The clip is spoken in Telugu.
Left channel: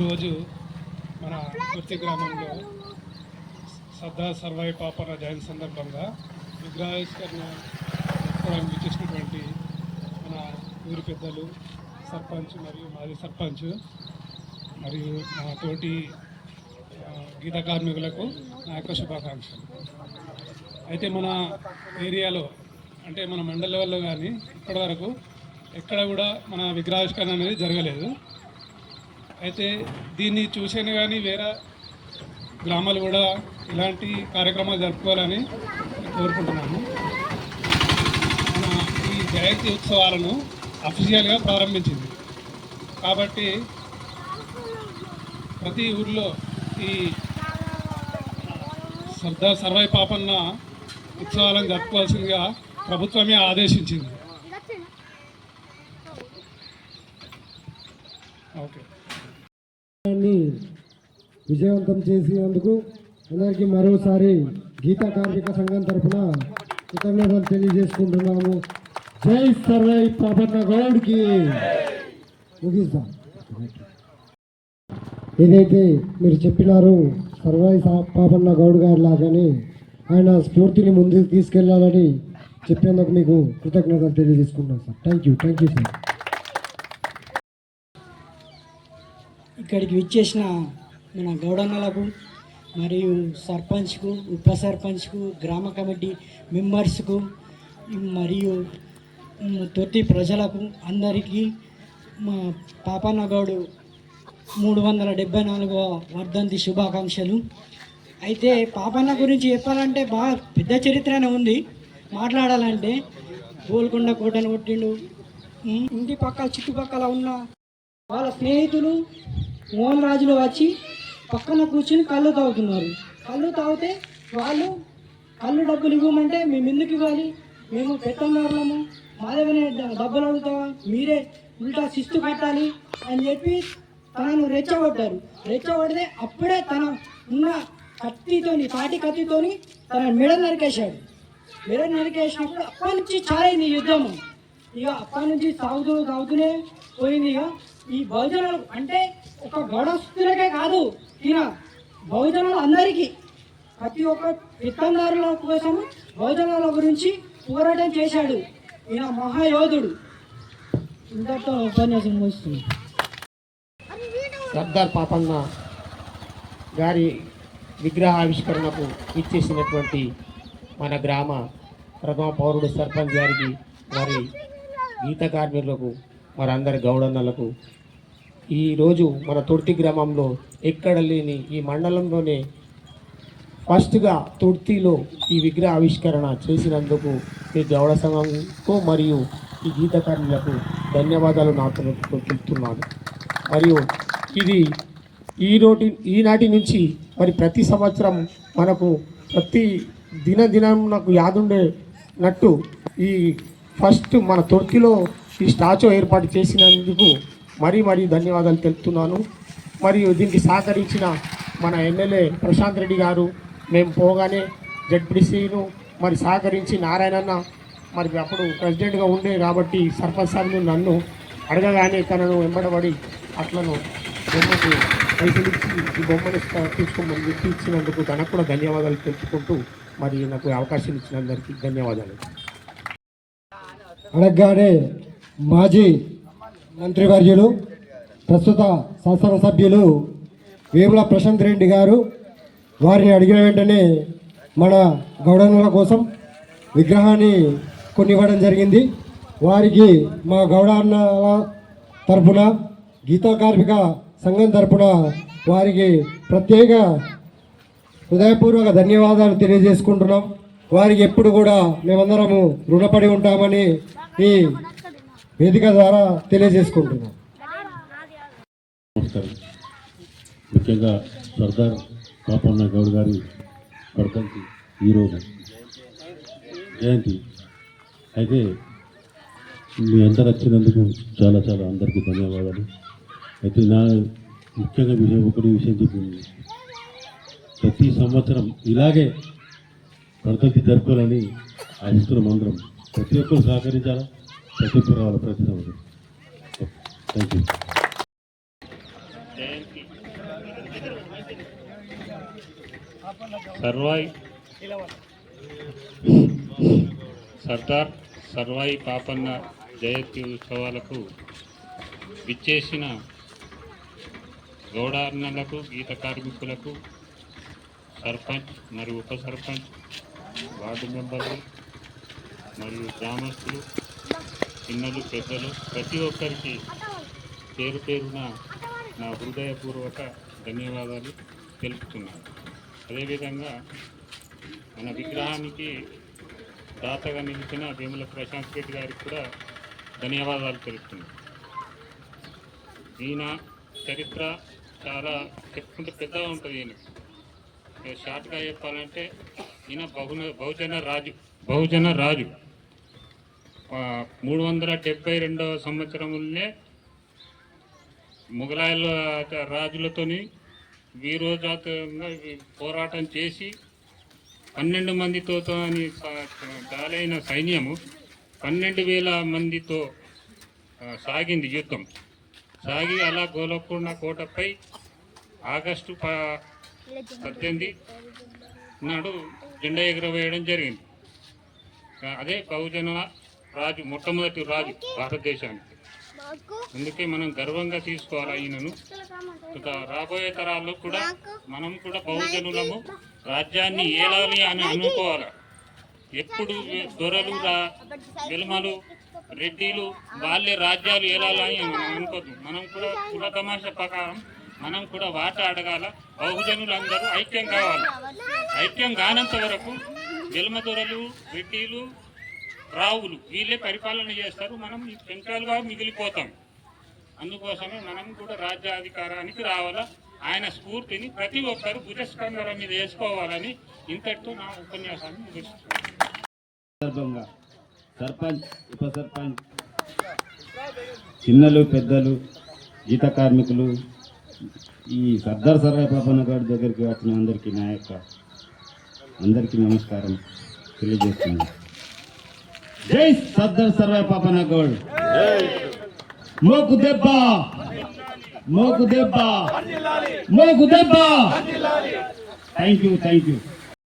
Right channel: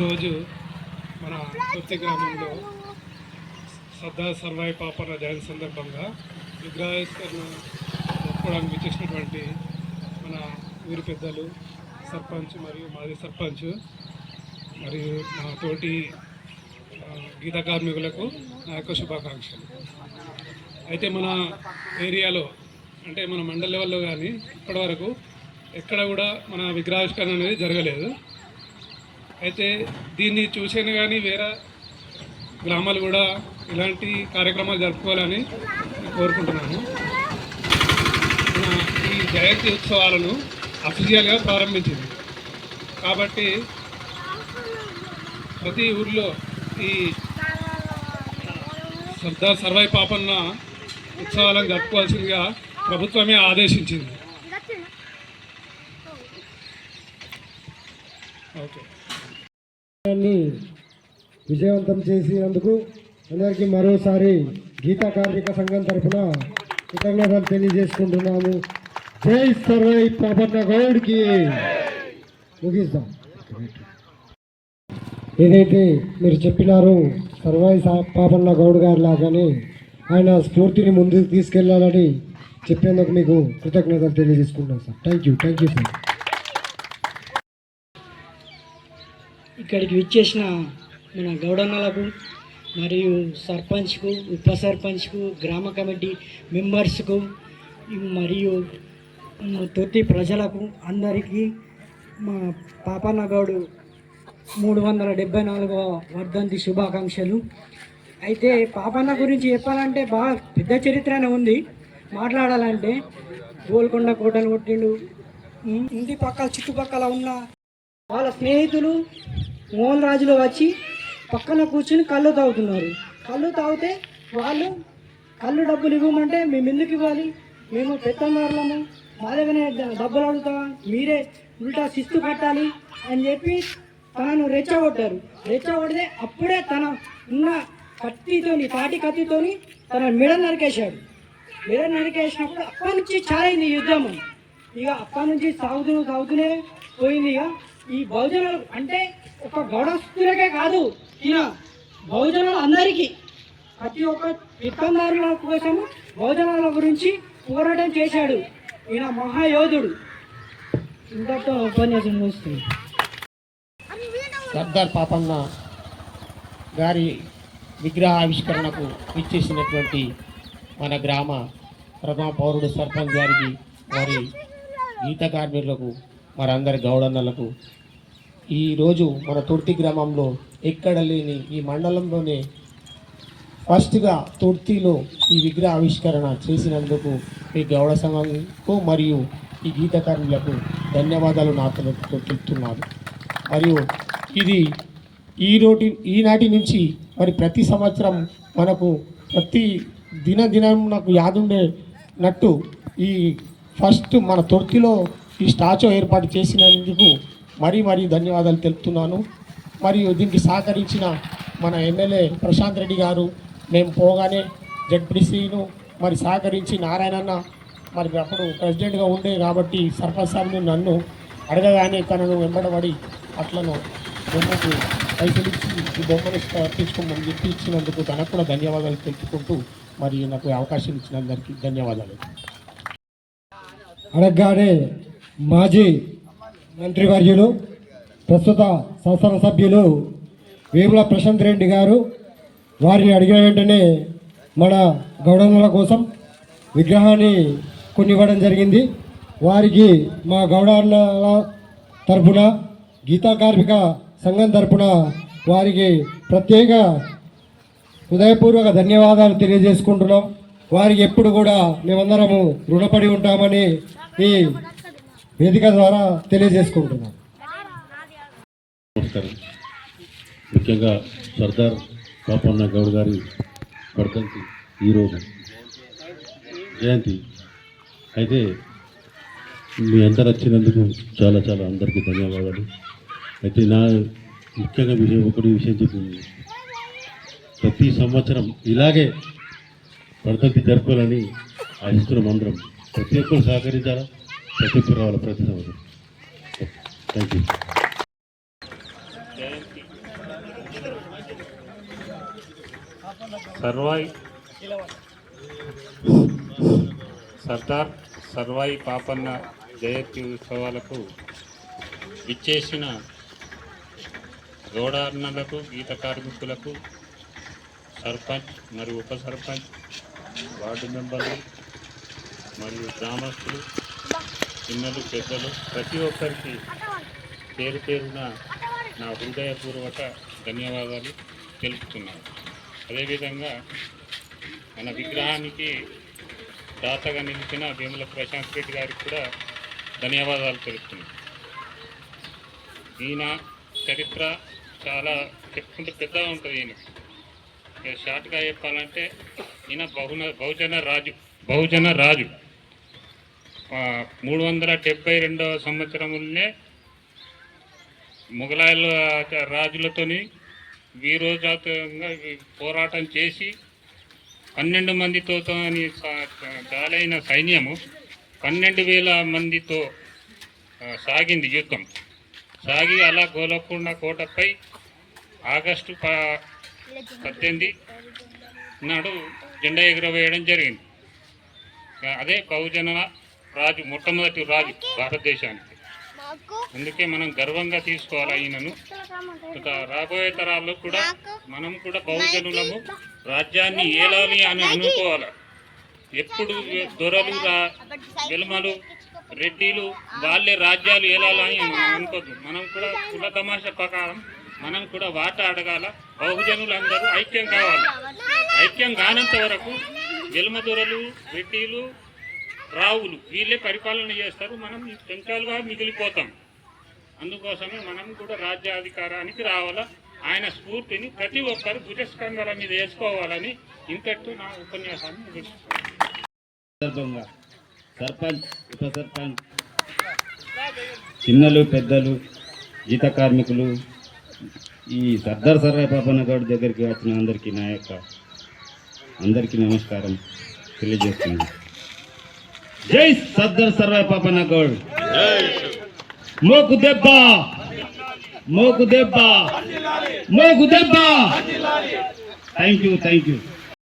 ఈరోజు మన కొత్త గ్రామంలో సర్దార్ సర్వాయి పాపన జయంతి సందర్భంగా విగ్రహావిష్కరణ జరుపుకోవడానికి వచ్చేసినటువంటి మన ఊరి పెద్దలు సర్పంచ్ మరియు మాజీ సర్పంచ్ మరియు మా తోటి గీత కార్మికులకు నా యొక్క శుభాకాంక్షలు. అయితే మన ఏరియాలో అంటే మన మండల లెవెల్లో కానీ ఇప్పటివరకు ఎక్కడ కూడా మన విగ్రహావిష్కరణ అనేది జరగలేదు. అయితే దీన్ని చూసాను కానీ వేరే గ్రామాలు కూడా ఇలాంటి కార్యక్రమాలు జరుపుకోవాలని నేను కోరుకుంటున్నాను మన ఈ జయంతి ఉత్సవాలను అఫీషియల్గా ప్రారంభించింది. కాబట్టి ప్రతి ఊర్లో ఈ సర్దార్ సర్వై పాపన్న ఉత్సవాలను జరుపుకోవాల్సిందిగా ప్రభుత్వమే ఆదేశించింది. ఓకే. విజయవంతం చేసినందుకు అందరికీ మరోసారి గీతా కార్మిక సంఘం తరఫున కృతజ్ఞతలు తెలియజేసుకుంటున్నాము. జై సర్వై పాపన్న గౌడ్కి ముగిస్తాం ఏదైతే మీరు చెప్పినారో సర్వై పాపన్న గౌడ్ గారు లాగానే ఆయన స్ఫూర్తిని ముందుకు తీసుకెళ్ళాలని చెప్పేందుకు మీకు కృతజ్ఞతలు తెలియజేసుకుంటున్నాం sir. Thank you thank you sir ఇక్కడికి విచ్చేసిన మన గౌడన్నలకు మరియు సర్పంచ్కు ఉప సర్పంచ్కు గ్రామ కమిటీ మెంబర్స్కు మరియు తొట్టి ప్రజలకు అందరికీ మా పాపన్న గౌడు మూడు వందల డెబ్బై నాలుగవ వర్ధంతి శుభాకాంక్షలు. అయితే పాపన్న గురించి చెప్పాలంటే బాగా పెద్ద చరిత్రనే ఉంది. మాట్లాడాలంటే గోల్కొండ కోటను కొట్టిండు. ఇంటి పక్కల చుట్టుపక్కల ఉన్న వాళ్ళ స్నేహితులు మోహన్ రాజులు వచ్చి పక్కన కూర్చుని కళ్ళు తాగుతున్నారు. కళ్ళు తాగితే వాళ్ళు కళ్ళు డబ్బులు ఇవ్వమంటే మేము ఎందుకు ఇవ్వాలి? మేము పెద్దన్నారులము మాదేమైనా డబ్బులు అడుగుతావా? మీరే ఉల్టా శిస్తు కట్టాలి అని చెప్పి తనను రెచ్చగొట్టారు. రెచ్చగొడితే అప్పుడే తన ఉన్న కత్తితోని తాటి కత్తితోని తన మెడ నరికేశాడు. మెడ నరికేసినప్పుడు అప్పటి నుంచి చాలా యుద్ధము. యుద్ధం ఇక అప్పటి నుంచి సాగుతూ సాగుతూనే పోయింది ఇక. ఈ బహుజనులు అంటే ఒక గౌడస్తులకే కాదు ఇలా బహుజనులు అందరికీ. ప్రతి ఒక్క విత్తనారుల కోసం బహుజనుల గురించి పోరాటం చేశాడు ఈయన మహాయోధుడు. ఇంతటితో ఉపన్యాసం ముగుస్తుంది సర్దార్ పాపన్న గారి విగ్రహ ఆవిష్కరణకు ఇచ్చేసినటువంటి మన గ్రామ ప్రథమ పౌరుడు సర్పంచ్ గారికి వారి గీత కార్మికులకు వారందరి గౌడన్నలకు ఈరోజు మన తుర్తి గ్రామంలో ఎక్కడ లేని ఈ మండలంలోనే ఫస్ట్గా తుర్తిలో ఈ విగ్రహ ఆవిష్కరణ చేసినందుకు ఈ గౌడ సంఘంకు మరియు ఈ గీత కార్మికులకు ధన్యవాదాలు నాతో చెప్తున్నాను. మరియు ఇది ఈ ఈనాటి నుంచి మరి ప్రతి సంవత్సరం మనకు ప్రతి దిన దినం నాకు యాదుండేనట్టు ఈ ఫస్ట్ మన తొర్తిలో ఈ స్టాచ్యూ ఏర్పాటు చేసినందుకు మరీ మరీ ధన్యవాదాలు తెలుపుతున్నాను. మరియు దీనికి సహకరించిన మన ఎమ్మెల్యే ప్రశాంత్ రెడ్డి గారు మేము పోగానే జడ్పీసీను మరి సహకరించి నారాయణన్న మరి అప్పుడు ప్రెసిడెంట్గా ఉండే కాబట్టి సర్పంచ్ సార్ను నన్ను అడగగానే తనను వెంబడబడి అట్లను బొమ్మకు పైసలు ఇచ్చి ఈ బొమ్మను తీసుకోమని చెప్పి ఇచ్చినందుకు తనకు కూడా ధన్యవాదాలు తెలుపుకుంటూ మరి నాకు అవకాశం ఇచ్చినందరికీ ధన్యవాదాలు. అడగగానే మాజీ మంత్రివర్యులు ప్రస్తుత శాసనసభ్యులు వేముల ప్రశాంత్ రెడ్డి గారు వారిని అడిగిన వెంటనే మన గౌడనుల కోసం విగ్రహాన్ని కొనివ్వడం జరిగింది. వారికి మా గౌడన్నల తరఫున గీతా కార్మిక సంఘం తరఫున వారికి ప్రత్యేక హృదయపూర్వక ధన్యవాదాలు తెలియజేసుకుంటున్నాం. వారికి ఎప్పుడు కూడా మేమందరము రుణపడి ఉంటామని ఈ వేదిక ద్వారా తెలియజేసుకుంటున్నాను నమస్కారం. ముఖ్యంగా సర్దార్ పాపన్న గౌడ్ గారి వర్తంతి ఈరోజు జయంతి. అయితే మీ అందరు వచ్చినందుకు చాలా చాలా అందరికీ ధన్యవాదాలు. అయితే నా ముఖ్యంగా విషయం ఒకటి విషయం చెప్పింది. ప్రతి సంవత్సరం ఇలాగే వర్తంతి జరుపుకోవాలని ఆశిస్తున్నాం అందరం ప్రతి ఒక్కరు సహకరించాలా? ప్రతి ఒక్కరు రావాలి ప్రతి సంవత్సరం థ్యాంక్ యూ సర్వాయి. సర్దార్ సర్వాయి పాపన్న జయంతి ఉత్సవాలకు విచ్చేసిన గౌడార్ణలకు గీత కార్మికులకు సర్పంచ్ మరియు ఉప సర్పంచ్ వార్డు మెంబర్లు మరియు గ్రామస్తులు చిన్నలు పెద్దలు ప్రతి ఒక్కరికి పేరు పేరున నా హృదయపూర్వక ధన్యవాదాలు తెలుపుతున్నాను. అదేవిధంగా మన విగ్రహానికి దాతగా నిలిచిన వేముల ప్రశాంత్ రెడ్డి గారికి కూడా ధన్యవాదాలు తెలుపుతున్నాను. ఈయన చరిత్ర చాలా చెప్పుకుంటే పెద్దగా ఉంటుంది ఈయన. షార్ట్గా చెప్పాలంటే ఈయన బహున బహుజన రాజు బహుజన రాజు. మూడు వందల డెబ్బై రెండవ సంవత్సరంలోనే మొఘలాయల రాజులతోని వీరోజాతంగా పోరాటం చేసి పన్నెండు మందితో అని గాలైన సైన్యము పన్నెండు వేల మందితో సాగింది యుద్ధం. సాగి అలా గోలకొండ కోటపై ఆగస్టు పద్దెనిమిది నాడు జెండా ఎగురవేయడం జరిగింది. అదే బహుజన రాజు మొట్టమొదటి రాజు భారతదేశానికి. అందుకే మనం గర్వంగా తీసుకోవాలి ఈయనను ఇక రాబోయే తరాల్లో కూడా మనం కూడా బహుజనులము రాజ్యాన్ని ఏలాలి అని అనుకోవాలి. ఎప్పుడు దొరలు వెలుమలు రెడ్డిలు వాళ్ళే రాజ్యాలు ఏలాలని మనం అనుకోద్దు. మనం కూడా కుల తమాషా ప్రకారం మనం కూడా వాట అడగాల. బహుజనులందరూ ఐక్యం కావాలి ఐక్యం కానంత వరకు వెలుమ దొరలు రెడ్డిలు రావులు వీళ్ళే పరిపాలన చేస్తారు మనం ఈ మిగిలిపోతాం. అందుకోసమే మనం కూడా రాజ్యాధికారానికి రావాలా. ఆయన స్ఫూర్తిని ప్రతి ఒక్కరు భుజస్కంధాల మీద వేసుకోవాలని ఇంతటితో నా ఉపన్యాసాన్ని ముగిస్తున్నాను. సర్పంచ్ ఉప సర్పంచ్ చిన్నలు పెద్దలు జీత కార్మికులు ఈ సర్దార్ సర్రాయ్ పాపన్న గౌడ్ దగ్గరికి వచ్చిన అందరికీ నా యొక్క అందరికీ నమస్కారం తెలియజేస్తున్నాను. జై సద్దర్ సర్రాయ్ పాపన్న గౌడ్ మోకు దెబ్బ మోకు దెబ్బ మోకు దెబ్బ. Thank you thank you